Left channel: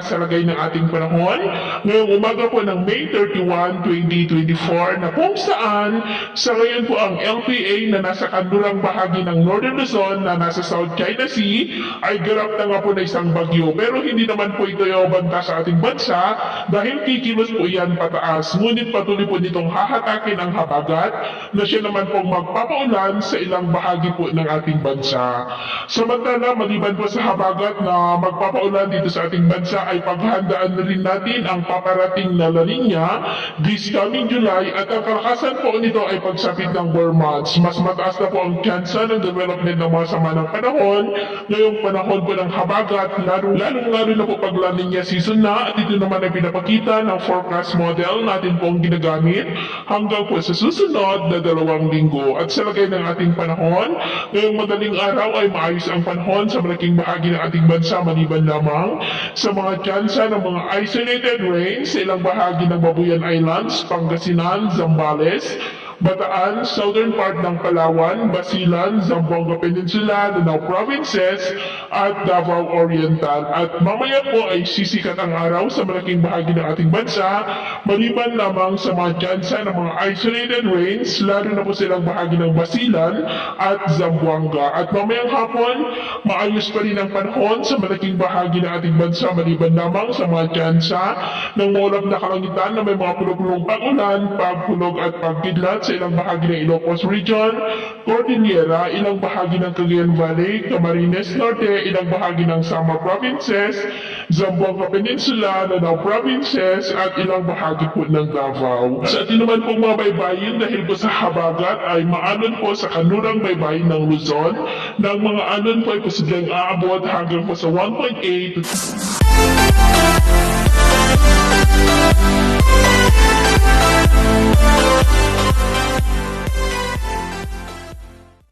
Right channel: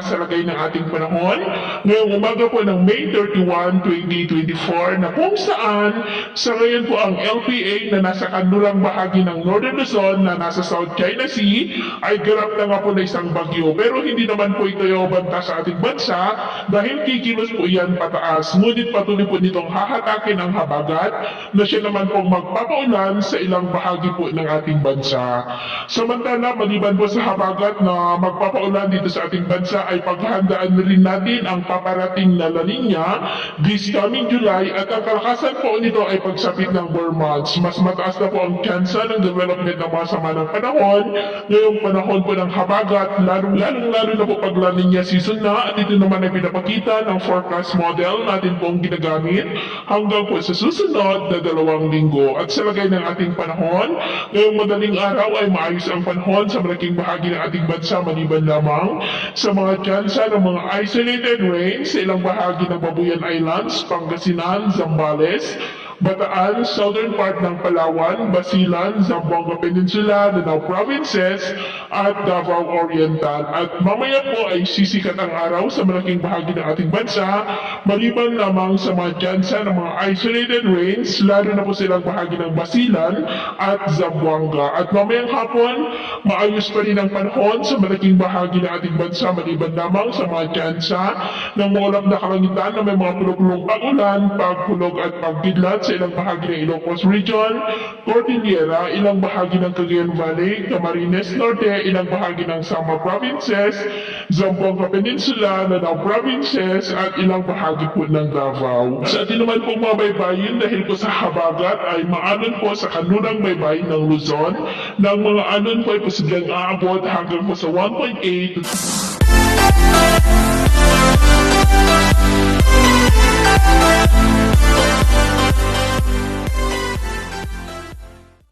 para sa lagay ng ating panahon ngayong umaga po ng May 31, 2024 na kung saan sa ngayon po ang LPA na nasa kanlurang bahagi ng Northern Luzon na nasa South China Sea ay ganap na nga po na isang bagyo. Pero hindi naman po ito yung banta sa ating bansa dahil kikilos po yan pataas. Ngunit patuloy po nitong hahatakin ang habagat na siya naman pong magpapaulan sa ilang bahagi po ng ating bansa. Samantala, maliban po sa habagat na magpapaulan dito sa ating bansa ay paghandaan na rin natin ang paparating na La Nina this coming July at ang kalakasan po nito ay pagsapit ng warm months. Mas mataas na po ang tsansa ng development ng mga sama ng panahon ngayong panahon po ng habagat, lalo na po pag La Nina season na, at ito naman ay pinapakita ng forecast model natin pong ginagamit hanggang po sa susunod na 2 linggo. At sa lagay ng ating panahon, ngayong madaling araw ay maayos ang panahon sa malaking bahagi ng ating bansa maliban lamang sa mga tsansa ng mga isolated rains sa ilang bahagi ng Babuyan Islands, Pangasinan, Zambales, Bataan, southern part ng Palawan, Basilan, Zamboanga Peninsula, Lanao Provinces, at Davao Oriental. At mamaya po ay sisikat ang araw sa malaking bahagi ng ating bansa, maliban lamang sa mga tsansa ng mga isolated rains, lalo na po silang bahagi ng Basilan at Zamboanga. At mamayang hapon, maayos pa rin ang panahon sa malaking bahagi ng ating bansa, maliban lamang sa mga tsansa ng maulap na kalangitan na may mga pulog-pulong pag-ulan, pagpulog at pagkidlat sa ilang bahagi ng Ilocos Region, Cordillera, ilang bahagi ng Cagayan Valley, Camarines Norte, ilang bahagi ng Samar Provinces, Zamboanga Peninsula, Lanao Provinces, at ilang bahagi po ng Davao. Sa atin naman pong mga baybayin dahil po sa habagat ay maalon po sa kanlurang baybayin ng Luzon, na ang mga alon po ay posibleng aabot hanggang po sa 1.8